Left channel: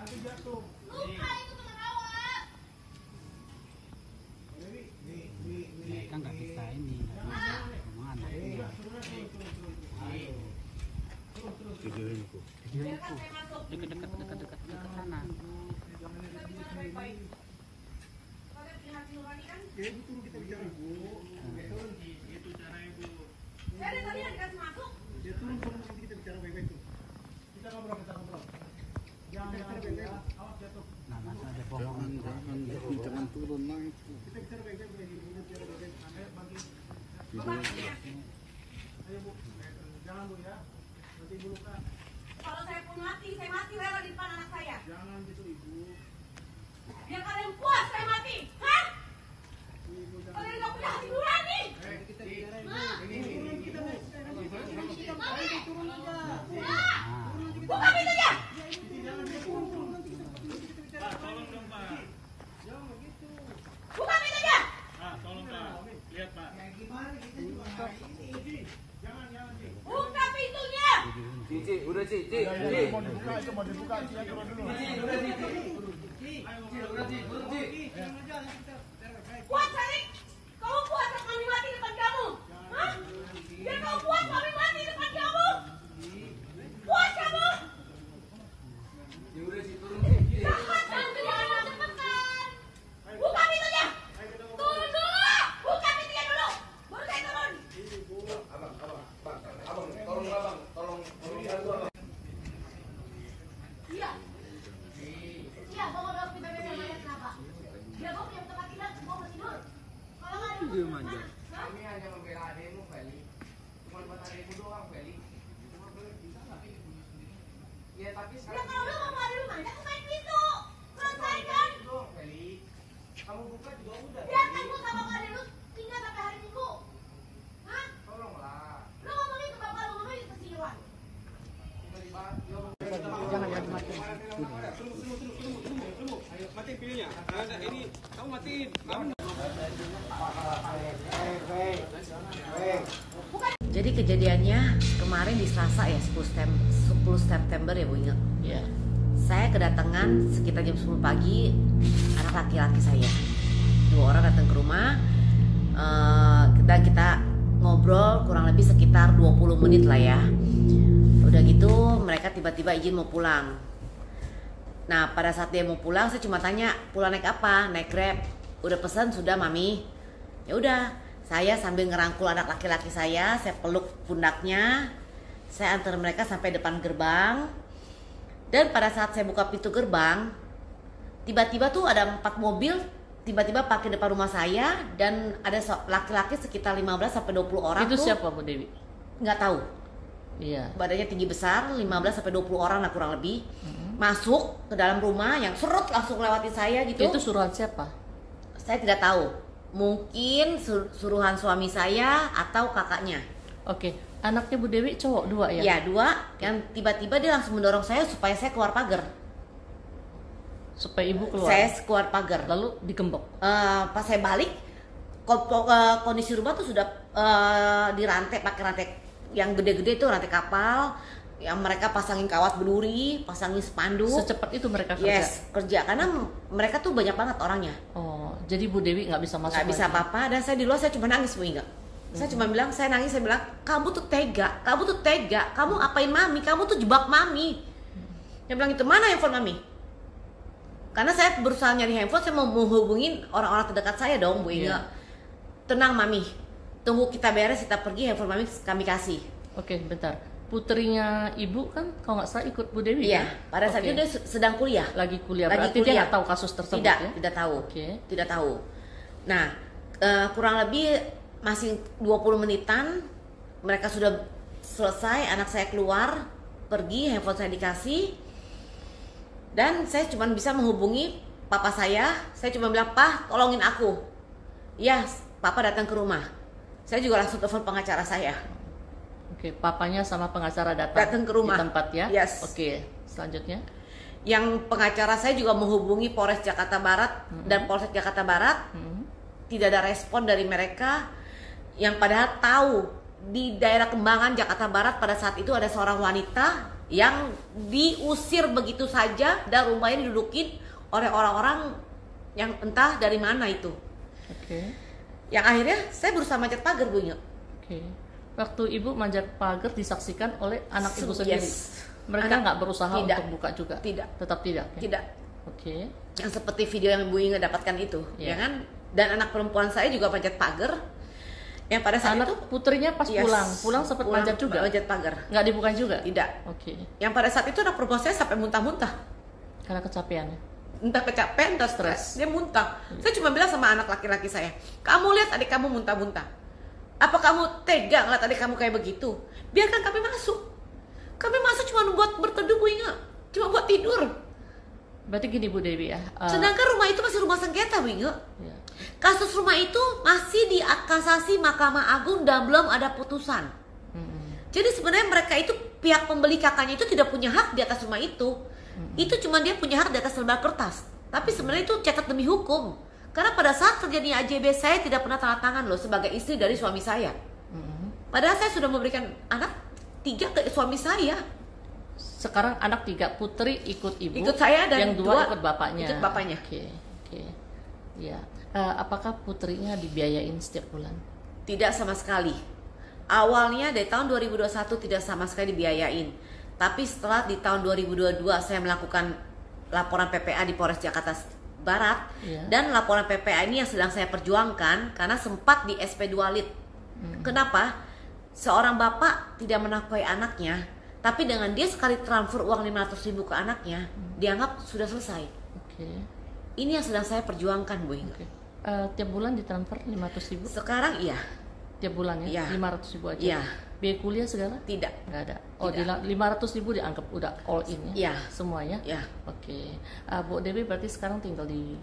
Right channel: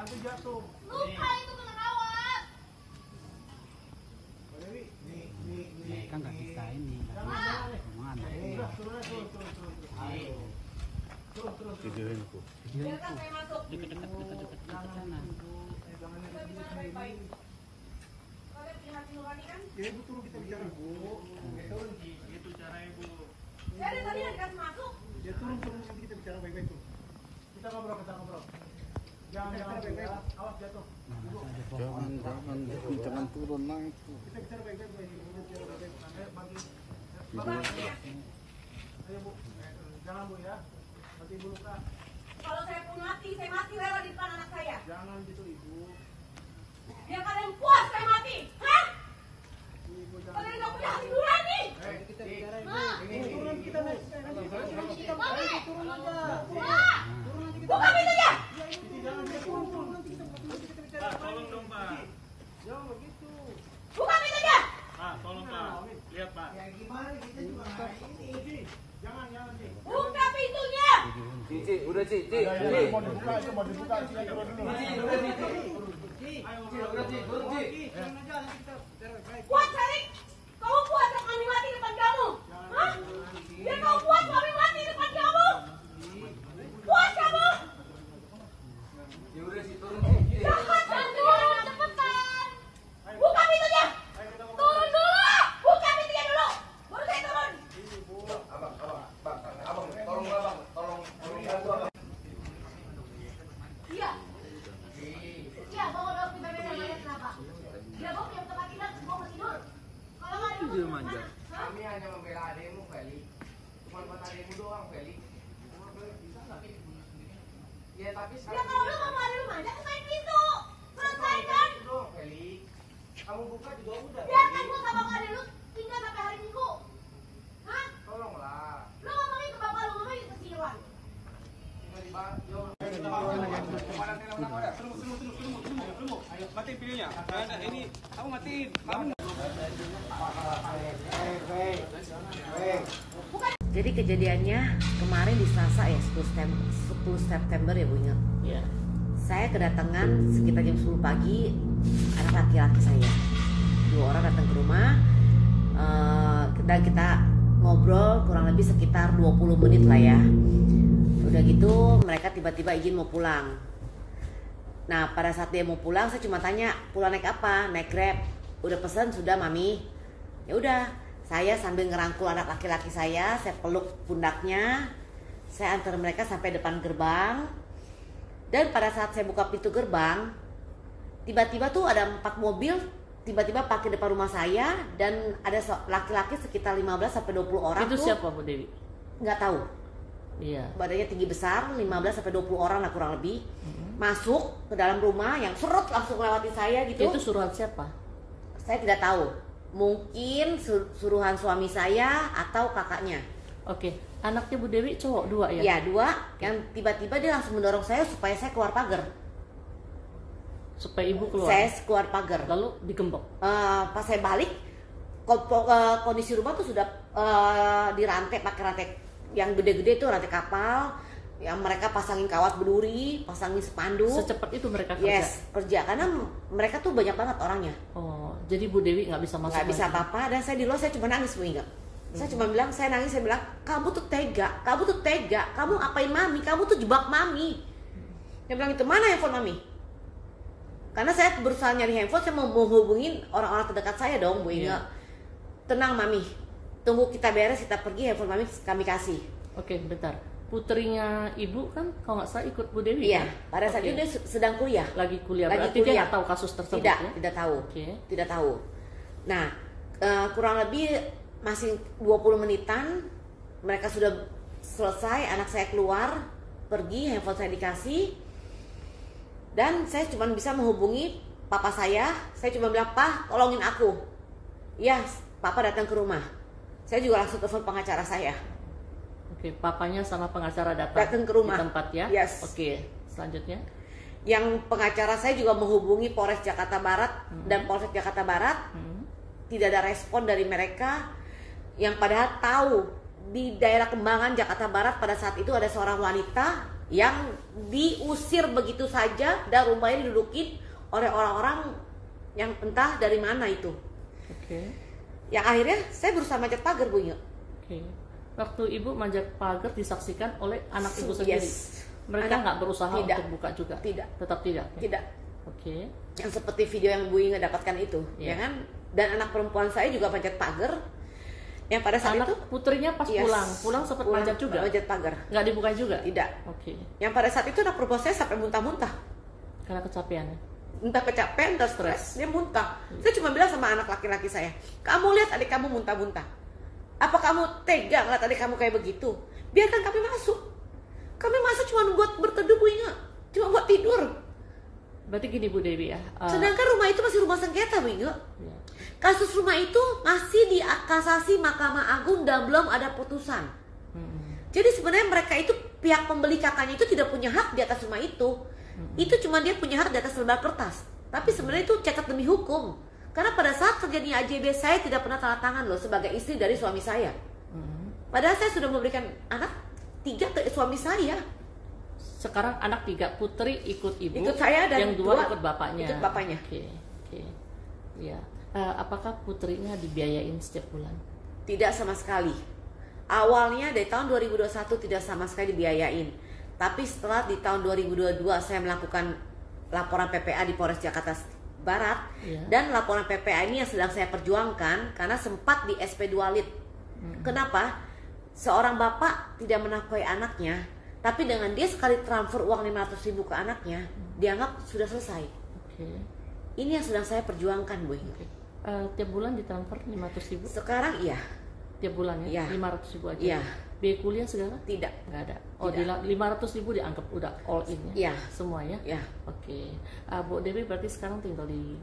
Nanti jatuh. Luka itu kena rawat. Kan nggak kita ini, omongan. Videoin tuh. Dekat sana. Ibu turun kita bicara Bu. Turun itu cara Ibu. Jadi tadi ada masuk. Dia turun nanti kita bicara baik-baik tuh. Kita ngobrol. Jangan baik-baik. Awas jatuh. Nah, masa ada pohon. Jangan turun lah itu. Kita bicara baik-baik Bu. Bicara baik-baik. Bagi. Ayo Bu. Jangan Bu ya. Nanti Ibu luka. Kalau saya pun mati, saya mati rela di depan anak saya. Jangan gitu Ibu. Biar kalian puas saya mati. Hah? Ibu jangan. Kalian nggak punya hati nurani. Kita bicara Ibu. Ma. Ini turun kita nih. Mami. Turun aja. Ma. Buka pintunya. Jangan turun. Kita bicara. Tolong dong Pak. Jangan begitu. Buka pintunya. Pak, tolong Pak. Lihat Pak. Ya gimana kita juga ini. Jangan Ci. Buka pintunya. Cici, udah Cici. Mau dibuka, mau dibuka. Cici turun dulu. Udah Cici, turun Cici. Puas Erik. Kamu puas kami mati di depan kamu? Hah? Biar kamu puas kami mati di depan kamu? Puas kamu? Ya udah Cici, turun Cici. Cepetan turun, cepetan. Buka pintunya. Turun dulu. Buka pintunya dulu. Baru saya turun. Iya. Iya, bawa dong di bebek sama ayah kenapa? Dia bawa punya tempat tinggal, bawa mau tidur. Kalau nggak ada Dia manja. Kami hanya membela adikmu, Feli. Cuma buat adikmu doang, Feli. Bisa nggak? Ya tapi Ya kalau lu mau ada rumah, ya kesain pintu. Selesaikan. itu doang, Feli. Kamu buka juga udah. Biarkan gua sama bapak lu tinggal sampai hari Minggu. Hah? Tolonglah. Lu ngomongin ke bapak lu, ngomongin ke si Iwan. Ayo, matiin videonya. Nah, ini kamu matiin. Kamu. Jadi kejadiannya kemarin di Selasa ya 10 September ya Bu ingat. Ya. Saya kedatangan sekitar jam 10 pagi anak laki-laki saya. 2 orang datang ke rumah dan kita ngobrol kurang lebih sekitar 20 menit lah ya. Udah gitu mereka tiba-tiba izin mau pulang. Nah pada saat dia mau pulang saya cuma tanya pulang naik apa? Naik Grab. Udah pesan sudah Mami? Ya udah. Saya sambil ngerangkul anak laki-laki saya peluk pundaknya, saya antar mereka sampai depan gerbang. Dan pada saat saya buka pintu gerbang, tiba-tiba tuh ada 4 mobil tiba-tiba pakai depan rumah saya dan ada laki-laki sekitar 15 sampai 20 orang. Itu tuh, siapa Bu Dewi? nggak tahu. Iya. Badannya tinggi besar, 15 sampai 20 orang lah kurang lebih. Masuk ke dalam rumah yang serut langsung lewatin saya gitu. Itu suruhan siapa? Saya tidak tahu. Mungkin suruhan suami saya atau kakaknya. Oke, anaknya Bu Dewi cowok 2 ya? Ya 2, yang tiba-tiba dia langsung mendorong saya supaya saya keluar pagar. Supaya ibu keluar? Saya keluar pagar. Lalu digembok? Pas saya balik, kondisi rumah tuh sudah dirantai pakai rantai yang gede-gede itu rantai kapal. Yang mereka pasangin kawat berduri, pasangin spanduk. Secepat itu mereka kerja? Yes, kerja. Karena mereka tuh banyak banget orangnya. Oh, jadi Bu Dewi nggak bisa masuk? Nggak bisa lagi? apa-apa. Dan saya di luar saya cuma nangis Bu Inga. Saya cuma bilang, saya nangis, saya bilang, kamu tuh tega, kamu apain Mami, kamu tuh jebak Mami. Dia bilang itu, mana handphone Mami? Karena saya berusaha nyari handphone, saya mau menghubungin orang-orang terdekat saya dong Bu Inga. Tenang Mami, tunggu kita beres, kita pergi, handphone Mami kami kasih. Oke, bentar. Putrinya ibu kan kalau nggak salah ikut Bu Dewi? Iya, kan? pada saat itu dia sedang kuliah. Lagi kuliah, Lagi berarti kuliah. dia nggak tahu kasus tersebut Tidak, ya? tidak tahu. Oke. Tidak tahu. Nah, kurang lebih masih 20 menitan mereka sudah selesai, anak saya keluar, pergi, handphone saya dikasih. Dan saya cuma bisa menghubungi papa saya cuma bilang, "Pak, tolongin aku." Ya, papa datang ke rumah. Saya juga langsung telepon pengacara saya. Oke, papanya sama pengacara datang ke rumah di tempat ya? Yes. Oke, selanjutnya? Yang pengacara saya juga menghubungi Polres Jakarta Barat dan Polsek Jakarta Barat. Tidak ada respon dari mereka. Yang padahal tahu di daerah Kembangan Jakarta Barat pada saat itu ada seorang wanita yang diusir begitu saja dan rumahnya didudukin oleh orang-orang yang entah dari mana itu. Oke. Yang akhirnya saya berusaha manjat pagar, Bu Inge. Oke. Waktu ibu manjat pagar disaksikan oleh anak ibu sendiri. Yes. Mereka nggak berusaha Tidak. untuk buka juga. Tidak. Tetap tidak. Oke. Tidak. Oke. Yang seperti video yang Bu Inge dapatkan itu, Iya. ya kan? Dan anak perempuan saya juga manjat pagar. Yang pada saat Anak itu putrinya pas yes, pulang sempat manjat juga. manjat pagar. Nggak dibuka juga. Tidak. Oke. Yang pada saat itu anak perempuan saya sampai muntah-muntah. Karena kecapean. Entah kecapean, entah stres, dia muntah. Saya cuma bilang sama anak laki-laki saya, kamu lihat adik kamu muntah-muntah. Apa kamu tega ngeliat adik kamu kayak begitu? Biarkan kami masuk. Kami masuk cuma buat berteduh, Bu Inge. Cuma buat tidur. Berarti gini Bu Dewi ya. Sedangkan rumah itu masih rumah sengketa, Bu Inge. Ya. Kasus rumah itu masih di kasasi Mahkamah Agung dan belum ada putusan. Jadi sebenarnya mereka itu, pihak pembeli kakaknya itu tidak punya hak di atas rumah itu. Itu cuma dia punya hak di atas lembar kertas. Tapi sebenarnya itu cacat demi hukum. Karena pada saat terjadinya AJB saya tidak pernah tanda tangan loh sebagai istri dari suami saya. Padahal saya sudah memberikan anak 3 ke suami saya. Sekarang anak 3, putri ikut ibu. Ikut saya dan yang 2 ikut bapaknya. Ikut bapaknya. Oke. Ya. Apakah putrinya dibiayain setiap bulan? Tidak sama sekali. Awalnya dari tahun 2021 tidak sama sekali dibiayain. Tapi setelah di tahun 2022 saya melakukan laporan PPA di Polres Jakarta Barat. Iya. Dan laporan PPA ini yang sedang saya perjuangkan karena sempat di SP2 Lit. Kenapa? Seorang bapak tidak menafkahi anaknya, tapi dengan dia sekali transfer uang 500.000 ke anaknya, dianggap sudah selesai. Oke. Ini yang sedang saya perjuangkan, Bu Inge. Oke. Tiap bulan ditransfer 500.000? Sekarang iya. Tiap bulan ya? Iya. 500.000 aja? Iya. Biaya kuliah segala? Tidak. Nggak ada? Oh, Tidak. 500.000 dianggap udah all in ya? Iya. Semuanya? Ya. Oke. Bu Dewi berarti sekarang tinggal di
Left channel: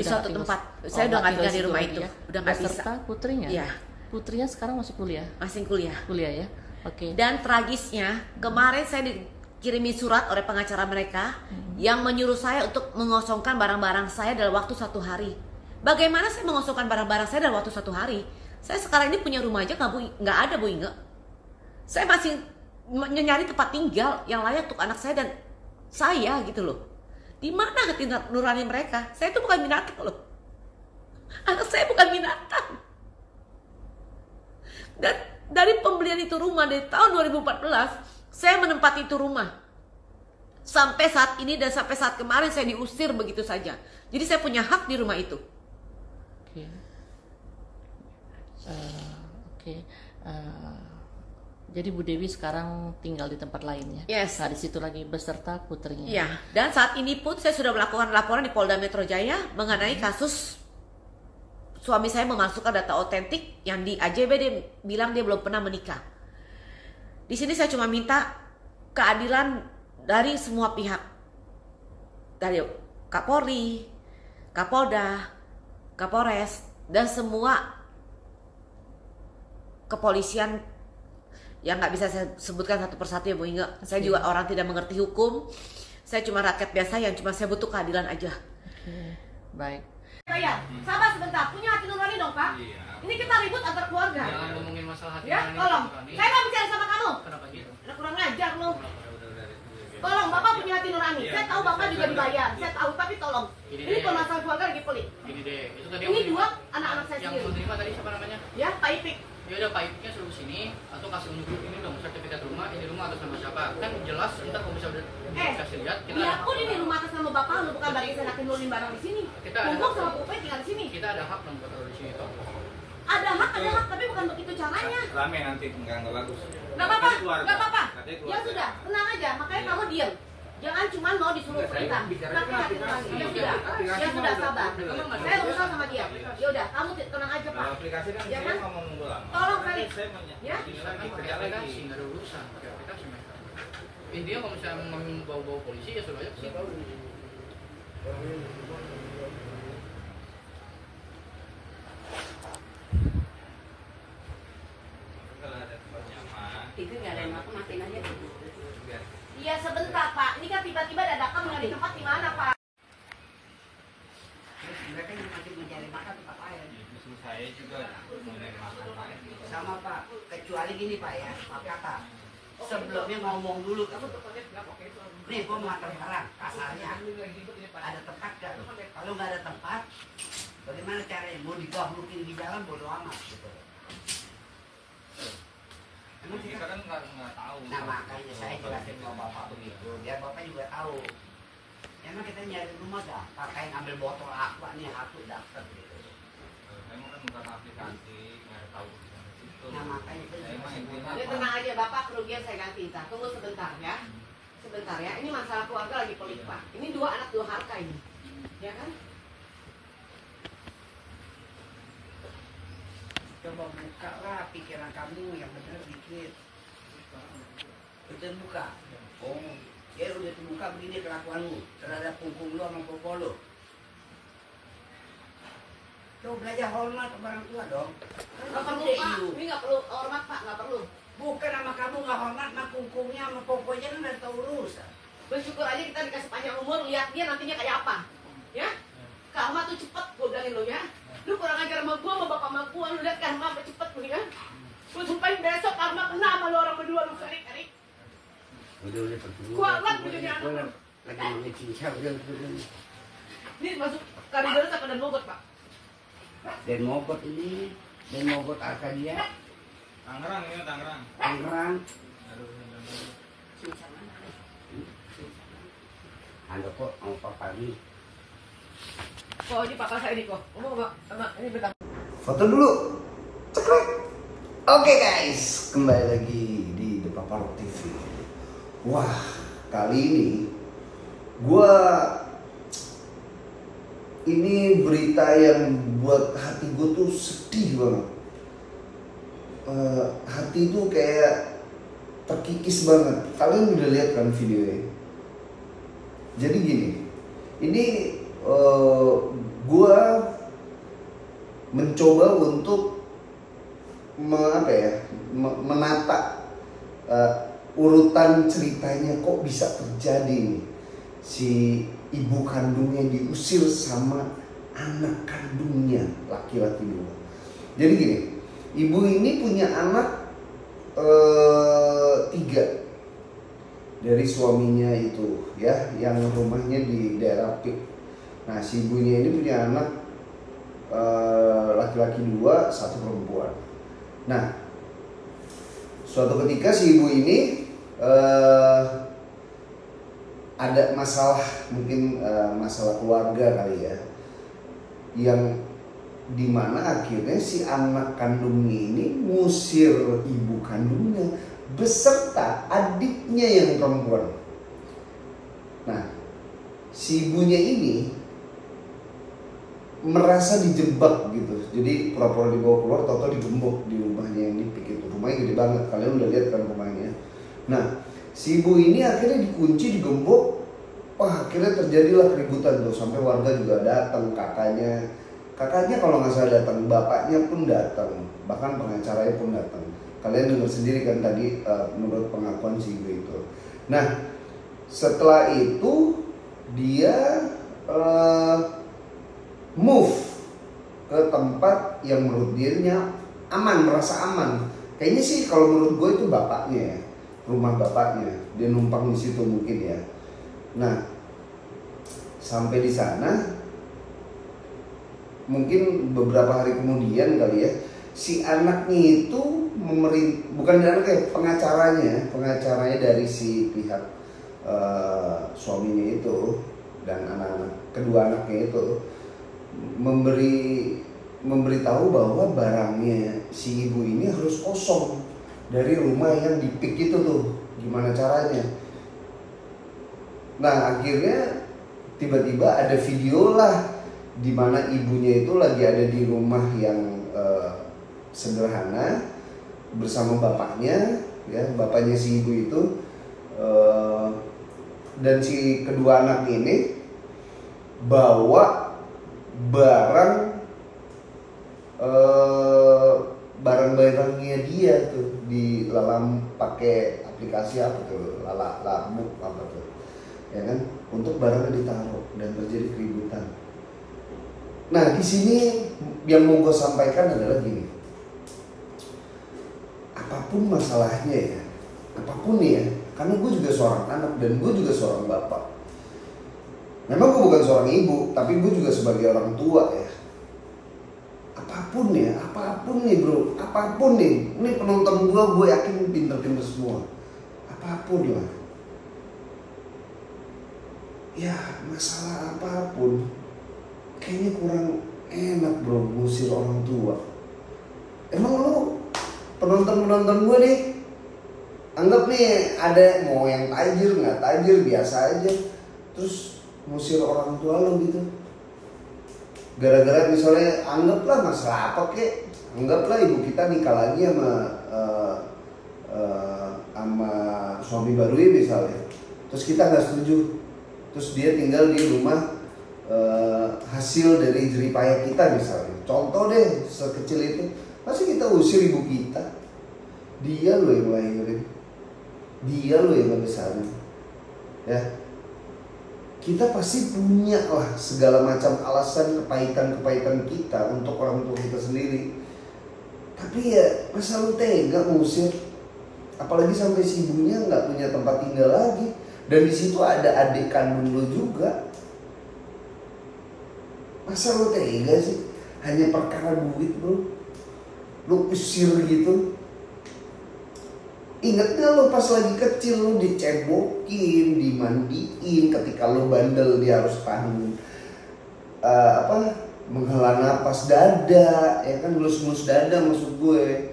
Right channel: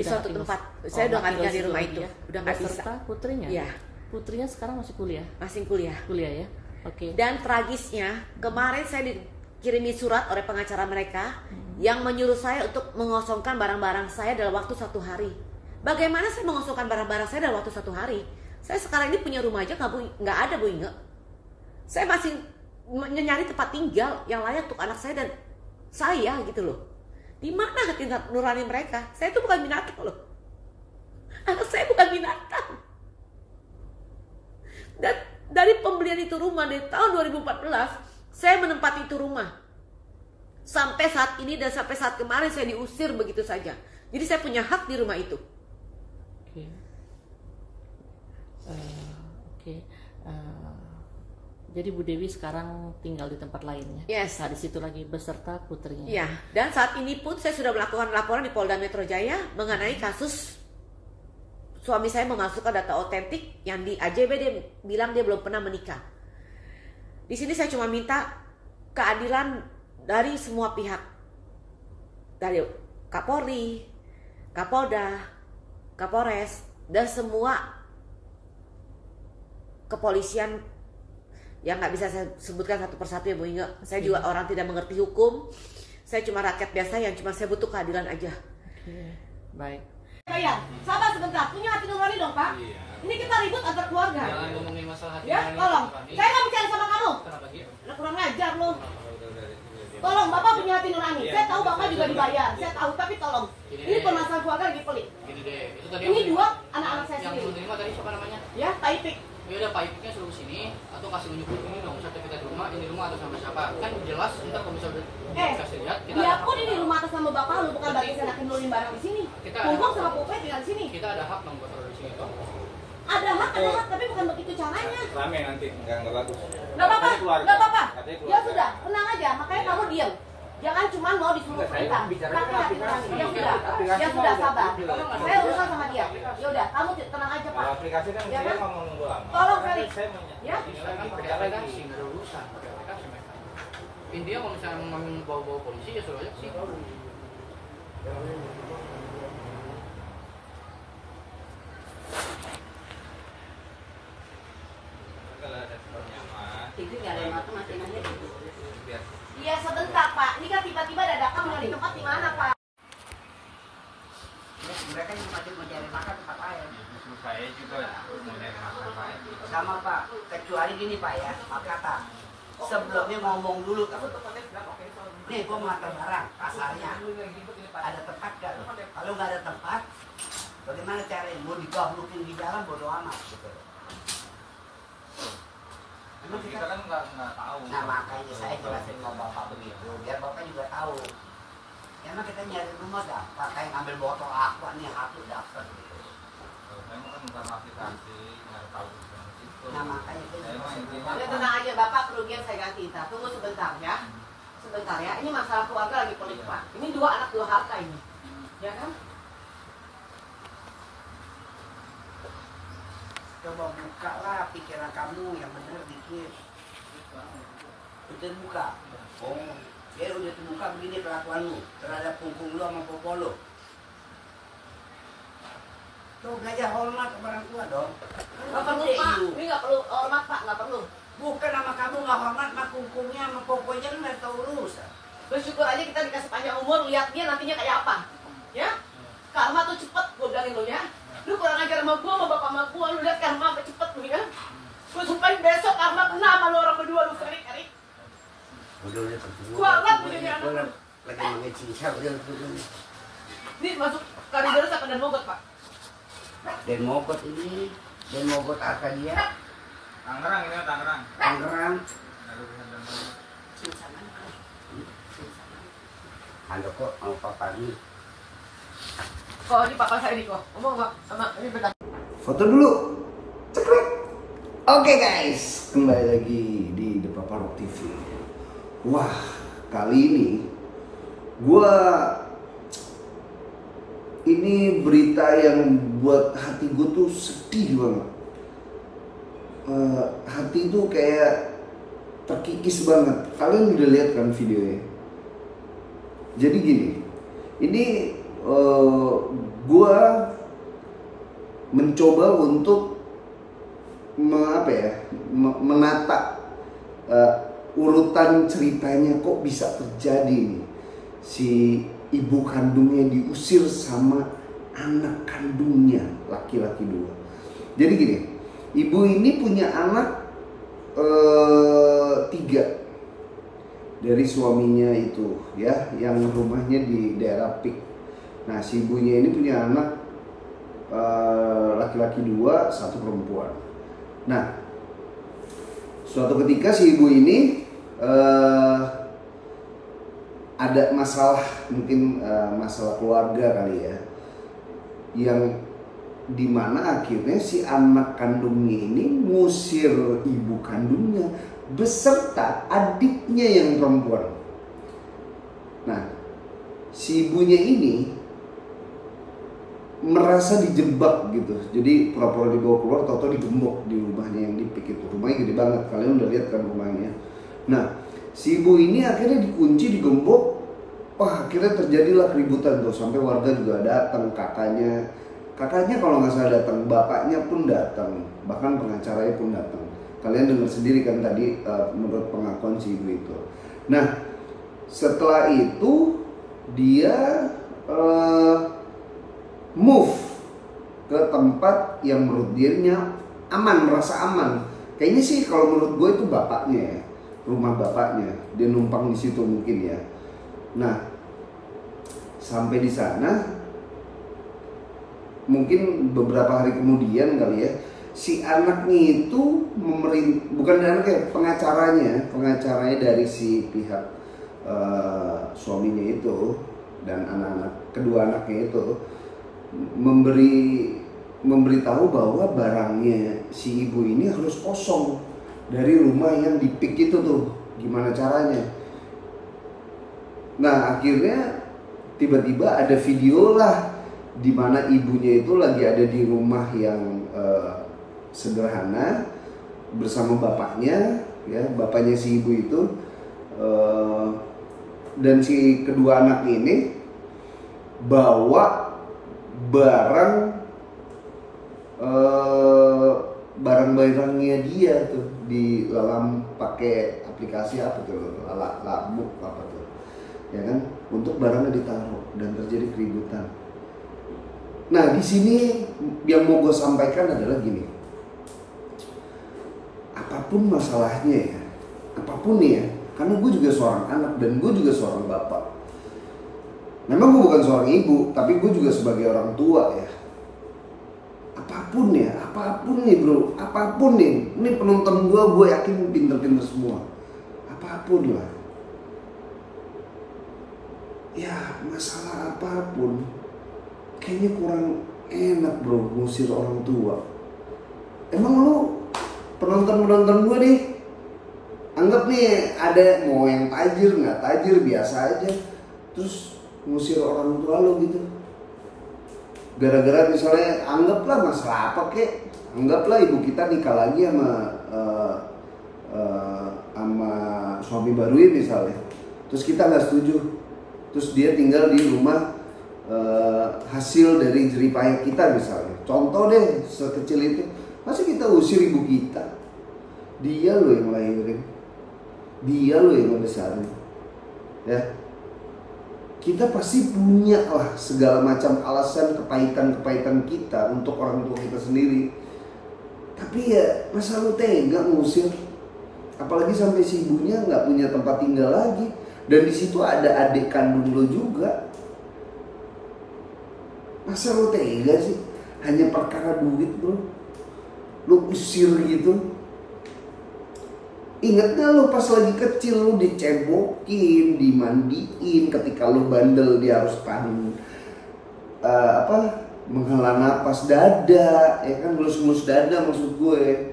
suatu tempat. Saya udah nggak tinggal di rumah itu. Udah nggak bisa. Beserta putrinya? Iya. Putrinya sekarang masuk kuliah? Masih kuliah. Kuliah ya? Oke. Dan tragisnya, kemarin saya dikirimi surat oleh pengacara mereka yang menyuruh saya untuk mengosongkan barang-barang saya dalam waktu 1 hari. Bagaimana saya mengosongkan barang-barang saya dalam waktu 1 hari? Saya sekarang ini punya rumah aja nggak ada, Bu Inge. Saya masih nyari tempat tinggal yang layak untuk anak saya dan saya gitu loh. Di mana hati nurani mereka? Saya itu bukan binatang loh. Anak saya bukan binatang. Dan dari pembelian itu rumah dari tahun 2014, saya menempati itu rumah. Sampai saat ini dan sampai saat kemarin saya diusir begitu saja. Jadi saya punya hak di rumah itu. Oke. Jadi Bu Dewi sekarang tinggal di tempat lain ya? Yes. Nah, di situ lagi beserta putrinya. Ya, dan saat ini pun saya sudah melakukan laporan di Polda Metro Jaya mengenai kasus suami saya memasukkan data otentik yang di AJB dia bilang dia belum pernah menikah. Di sini saya cuma minta keadilan dari semua pihak. Dari Kapolri, Kapolda, Kapolres, dan semua kepolisian yang nggak bisa saya sebutkan satu persatu ya Bu Inge. Saya juga orang tidak mengerti hukum. Saya cuma rakyat biasa yang cuma saya butuh keadilan aja. Oke. Baik. Bayar. Sabar sebentar, punya hati nurani dong Pak. Iya. Ini kita ribut antar keluarga. Jangan ngomongin masalah hati Ya, nurani tolong. kami. Saya nggak bicara sama kamu. Kenapa gitu? Udah kurang ngajar lu. Udah. Tolong, Bapak punya hati nurani. Iya, Saya tahu Bapak saya juga juga. dibayar. Saya tahu, tapi tolong. Ini Ini deh. permasalahan keluarga lagi pelik. Gini deh, itu tadi Ini yang- 2 anak-anak saya yang sendiri. menerima tadi siapa namanya? Ya, Pak Ipik. Ya udah Pak Ipiknya suruh sini atau kasih unjuk ini dong sertifikat rumah, ini rumah atas nama siapa? Kan jelas ntar kalau bisa udah kasih lihat kita Biarpun ini rumah atas nama Bapak lu, bukan berarti saya nakin nulis barang di sini. Kita ada Kumpul hak. sama Pupe tinggal di sini. kita ada hak dong buat taruh di sini toh. Ada hak, tapi bukan begitu caranya. Rame nanti nggak bagus. Nggak apa-apa, Katanya keluarga. nggak apa-apa. Katanya Ya keluarga. sudah, tenang aja. Makanya kamu diam. Jangan cuma mau disuruh Saya perintah. bicaranya Tapi hati nurani. Ya sudah, aplikasi ya sudah udah sabar. bilang. Saya urusan sama dia. Ya udah, kamu tenang aja Pak. Kalau aplikasi kan Ya dia kan? ngomong nunggu lama. Tolong, Karena Felix. saya Ya. Kita kan pakai aplikasi, nggak ada urusan pakai aplikasi mereka. Intinya kalau misalnya mau bawa polisi ya suruh aja ke situ. kalau ada nyaman, Itu nggak ada yang matiin aja. biar Iya sebentar Pak. Ini kan tiba-tiba dadakan mau di tempat di mana Pak? Mereka yang pasti mau cari makan tempat lain. justru saya juga mau nyari masalah. Sama Pak, kecuali gini Pak ya, maaf kata. Sebelumnya ngomong dulu. Nih, gua mau antar barang, kasarnya. Ada tempat gak lo? Kalau nggak ada tempat, bagaimana caranya? Mau digablukin di jalan, bodo amat gitu. Emang Kita kan nggak tahu. Nah makanya saya jelasin ke bapak begitu, biar bapak juga tahu. Emang kita nyari rumah gampang, kayak ngambil botol aqua nih, satu dapat gitu. Memang kan bukan aplikasi, nggak tahu itu. Nah makanya kita Saya mah intinya Ya tenang aja Bapak, kerugian saya ganti. Tunggu sebentar ya. Sebentar ya. Ini masalah keluarga lagi pelik Pak. Ini 2 anak 2 harta ini. Ya kan? coba buka lah pikiran kamu yang benar dikit. Udah buka. Oh, ya udah terbuka begini kelakuan lu terhadap punggung lu sama popo lu. Tuh belajar hormat ke orang tua dong. Nggak perlu Pak. Ini nggak perlu hormat Pak, nggak perlu. Bukan sama kamu nggak hormat, sama pungkungnya sama poponya lu nggak tahu urusan. Bersyukur aja kita dikasih panjang umur, lihat dia nantinya kayak apa. Ya? Karma tuh cepet, gue bilangin lo ya. Lu kurang ajar sama gue, sama bapak sama gue, lu lihat karma apa cepet lu ya. Gue sumpahin besok karma kena sama lu orang berdua lu, Erik. Udah pergi. Kualat begini anak. Lagi ngecingsa udah. Ini masuk Kalideres apa dan Mogot Pak? Dan Mogot ini, dan Mogot Arkadia, Tangerang ini Tangerang. Tangerang. Aduh, Anda kok mau papa ini? Kok ini papa saya ini kok. Ngomong sama ini beda. Foto dulu. Cekrek. Oke guys, kembali lagi di The Papa Rock TV. Wah, kali ini berita yang buat hati gue tuh sedih banget. Hati tuh kayak terkikis banget. Kalian udah lihat kan videonya? Jadi gini, ini gue mencoba untuk menata urutan ceritanya kok bisa terjadi nih. Si ibu kandungnya diusir sama anak kandungnya laki-laki 2. Jadi gini, ibu ini punya anak 3 dari suaminya itu ya, yang rumahnya di daerah Pik. Nah si ibunya ini punya anak laki-laki 2, 1 perempuan. Nah suatu ketika si ibu ini ada masalah, mungkin masalah keluarga kali ya, yang dimana akhirnya si anak kandungnya ini ngusir ibu kandungnya beserta adiknya yang perempuan. Nah, si ibunya ini merasa dijebak gitu. Jadi pura-pura dibawa keluar, tau-tau digembok di rumahnya yang di Pik itu. Rumahnya gede banget, kalian udah lihat kan rumahnya. Nah, si ibu ini akhirnya dikunci, digembok. Wah, akhirnya terjadilah keributan tuh, sampai warga juga datang, kakaknya kalau nggak salah datang, bapaknya pun datang, bahkan pengacaranya pun datang. Kalian dengar sendiri kan tadi menurut pengakuan si ibu itu. Nah setelah itu dia move ke tempat yang menurut dia aman, merasa aman. Kayaknya sih kalau menurut gue itu bapaknya, rumah bapaknya. Dia numpang di situ mungkin ya. Nah sampai di sana mungkin beberapa hari kemudian kali ya, si anaknya itu bukan anaknya, pengacaranya dari si pihak suaminya itu dan anak-anak, kedua anaknya itu memberitahu bahwa barangnya si ibu ini harus kosong dari rumah yang di Pik itu tuh. Gimana caranya? Nah akhirnya tiba-tiba ada video lah di mana ibunya itu lagi ada di rumah yang sederhana bersama bapaknya, ya bapaknya si ibu itu, dan si kedua anak ini bawa barang-barangnya dia tuh di dalam pakai aplikasi apa tuh, Lalabuk apa tuh, ya kan, untuk barangnya ditaruh dan terjadi keributan. Nah di sini yang mau gue sampaikan adalah gini. Apapun masalahnya ya, apapun nih ya, karena gue juga seorang anak dan gue juga seorang bapak. Memang gue bukan seorang ibu, tapi gue juga sebagai orang tua ya. Apapun nih bro, apapun nih. Ini penonton gue yakin pinter-pinter semua. Apapun lah. Ya masalah apapun, kayaknya kurang enak bro ngusir orang tua. Emang lu penonton gue nih, anggap nih ada mau yang tajir nggak tajir biasa aja, terus ngusir orang tua lo gitu. Gara-gara misalnya anggaplah masalah apa kek, anggaplah ibu kita nikah lagi sama suami barunya misalnya, terus kita nggak setuju, terus dia tinggal di rumah hasil dari jeripayah kita misalnya. Contoh deh sekecil itu, masa kita usir ibu kita? Dia lo yang lahirin, dia lo yang ngebesarin, ya. Kita pasti punya lah segala macam alasan kepahitan kita untuk orang tua kita sendiri. Tapi ya masa lo tega ngusir, apalagi sampai si ibunya nggak punya tempat tinggal lagi, dan di situ ada adik kandung lo juga. Masa lo tega sih hanya perkara duit bro, lo usir gitu? Ingat gak lo pas lagi kecil lo dicebokin, dimandiin, ketika lo bandel dia harus tahan menghela napas dada, ya kan, ngelus-ngelus dada maksud gue,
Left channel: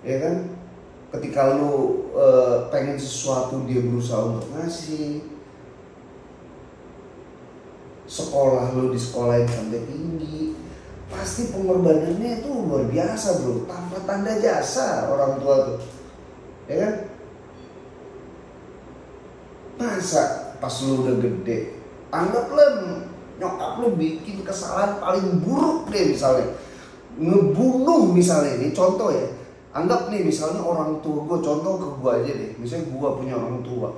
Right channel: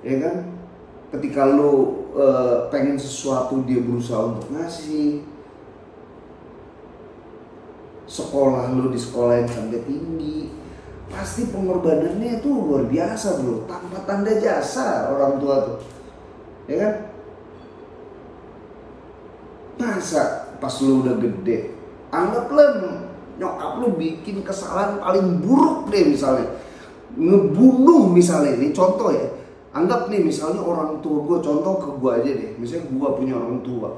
ya kan. Ketika lo pengen sesuatu dia berusaha untuk ngasih. Sekolah lo di sekolah yang sampai tinggi, pasti pengorbanannya itu luar biasa bro, tanpa tanda jasa orang tua tuh. Ya kan? Masa pas lu udah gede, anggaplah nyokap lu bikin kesalahan paling buruk deh, misalnya ngebunuh misalnya, ini contoh ya. Anggap nih misalnya orang tua gue, contoh ke gue aja deh, misalnya gue punya orang tua,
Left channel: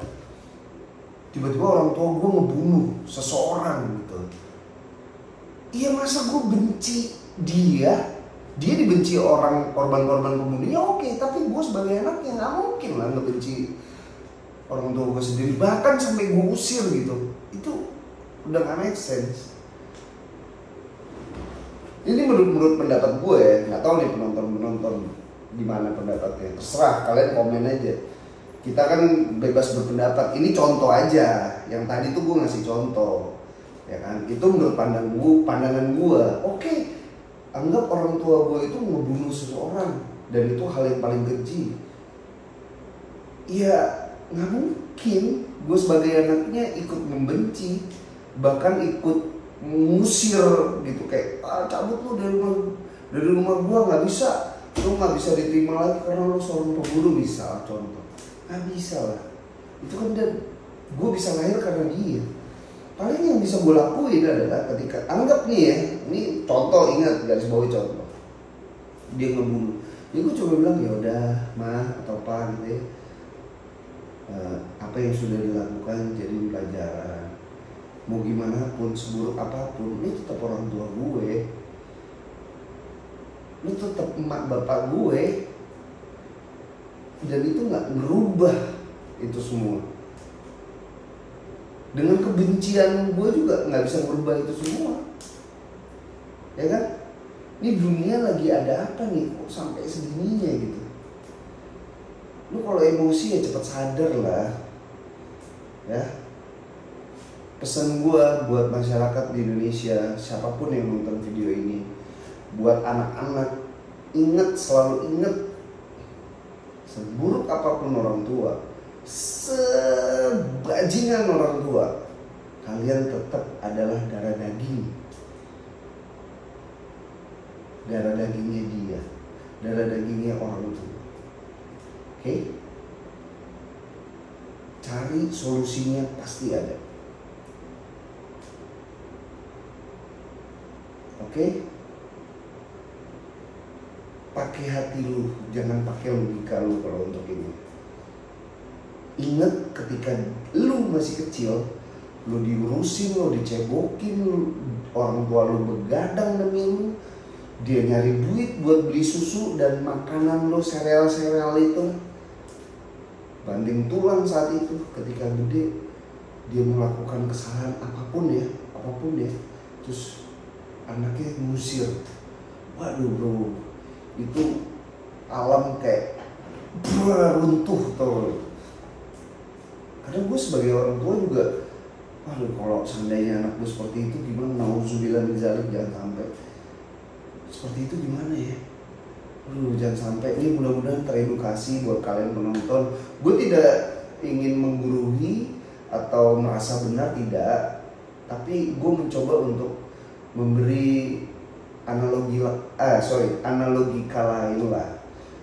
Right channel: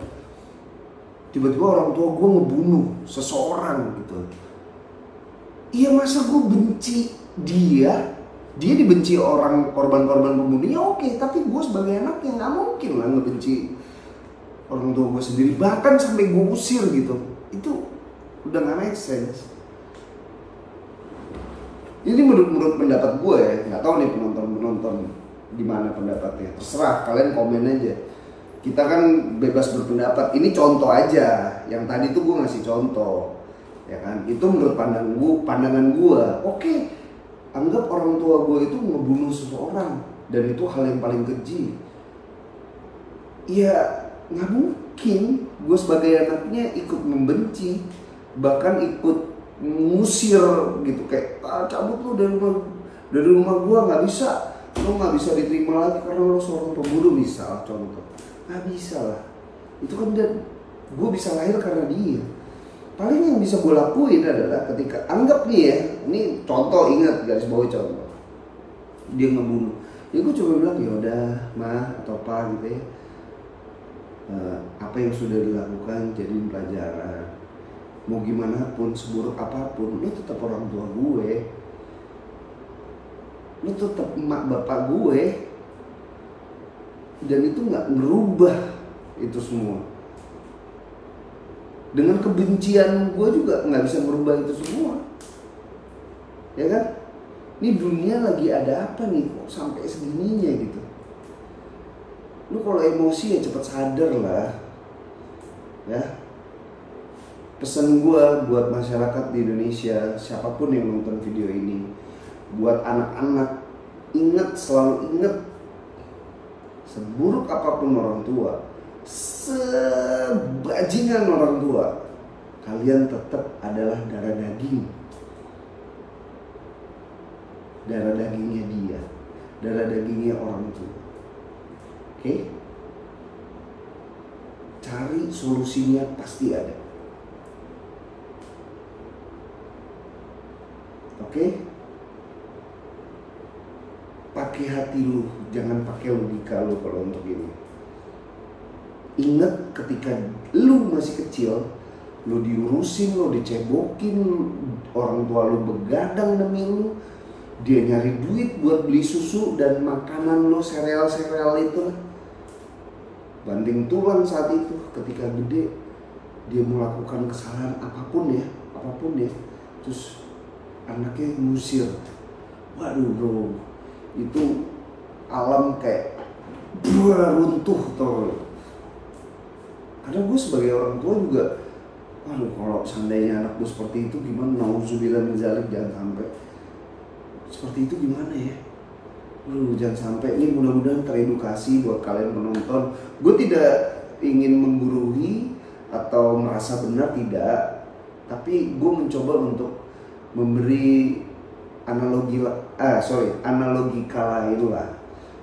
tiba-tiba orang tua gue ngebunuh seseorang gitu. Iya, masa gue benci dia dibenci orang korban-korban pembunuhnya, oke, tapi gue sebagai anak yang nggak mungkin lah ngebenci orang tua gue sendiri, bahkan sampai gue usir gitu. Itu udah nggak make sense. Ini menurut pendapat gue ya, nggak tahu nih penonton gimana pendapatnya, terserah kalian komen aja. Kita kan bebas berpendapat, ini contoh aja, yang tadi tuh gue ngasih contoh, ya kan, itu menurut pandangan gue, oke. Anggap orang tua gue itu ngebunuh seseorang dan itu hal yang paling keji. Ya nggak mungkin gue sebagai anaknya ikut membenci, bahkan ikut ngusir gitu, kayak cabut lu dari rumah gue, nggak bisa, lu nggak bisa diterima lagi karena lu seorang pembunuh misal, contoh. Nggak bisa lah, itu kan gue bisa lahir karena dia. Paling yang bisa gue lakuin adalah ketika anggap nih ya, ini contoh, ingat garis bawahi contoh, dia ngebunuh, ya gue coba bilang ya udah mah atau apa gitu ya, apa yang sudah dilakukan jadi pelajaran, mau gimana pun, seburuk apapun, lu tetap orang tua gue, lu tetap emak bapak gue, dan itu nggak merubah itu semua. Dengan kebencian gue juga nggak bisa merubah itu semua, ya kan? Ini dunia lagi ada apa nih kok sampai segininya gitu? Lu kalau emosi ya cepet sadar lah, ya. Pesan gue buat masyarakat di Indonesia, siapapun yang nonton video ini, buat anak-anak, selalu ingat, seburuk apapun orang tua, sebajingan orang tua, kalian tetap adalah darah daging. Darah dagingnya dia, darah dagingnya orang tua. Oke? Cari solusinya, pasti ada. Oke? Pakai hati lu, jangan pakai logika lu kalau untuk ini. Ingat ketika lu masih kecil, lu diurusin, lu dicebokin, orang tua lu begadang demi lu, dia nyari duit buat beli susu dan makanan lu, sereal-sereal itu. banting tulang saat itu. Ketika gede dia melakukan kesalahan apapun ya, terus anaknya ngusir. Waduh bro, itu alam kayak runtuh tuh. Karena gue sebagai orang tua juga, waduh kalau seandainya anak gue seperti itu gimana? Nauzubillah min dzalik, jangan sampai seperti itu gimana ya? Jangan sampai. Ini mudah-mudahan teredukasi buat kalian penonton. Gue tidak ingin menggurui atau merasa benar, tidak. Tapi gue mencoba untuk memberi analogika lain lah,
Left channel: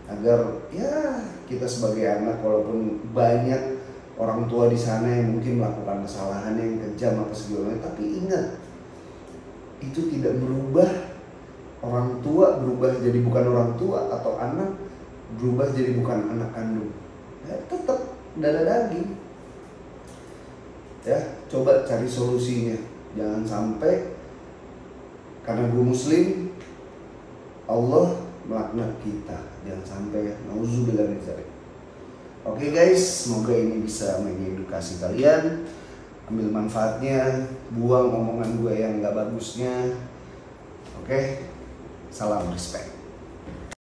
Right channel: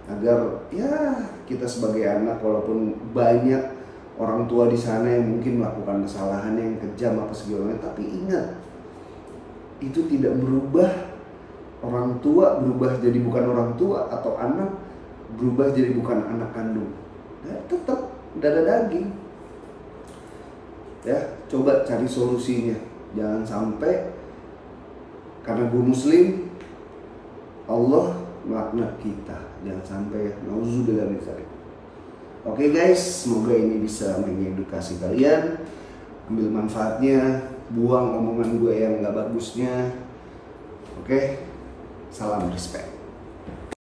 agar ya kita sebagai anak, walaupun banyak orang tua di sana yang mungkin melakukan kesalahan yang kejam apa segala macam, tapi ingat, itu tidak merubah orang tua berubah jadi bukan orang tua, atau anak berubah jadi bukan anak kandung. Ya, tetap darah daging. Ya, coba cari solusinya. Jangan sampai karena gue muslim Allah melaknat kita. Jangan sampai ya. Nauzubillah min dzalik. Oke guys, semoga ini bisa mengedukasi kalian. Ambil manfaatnya, buang omongan gue yang gak bagusnya. Oke, salam respect.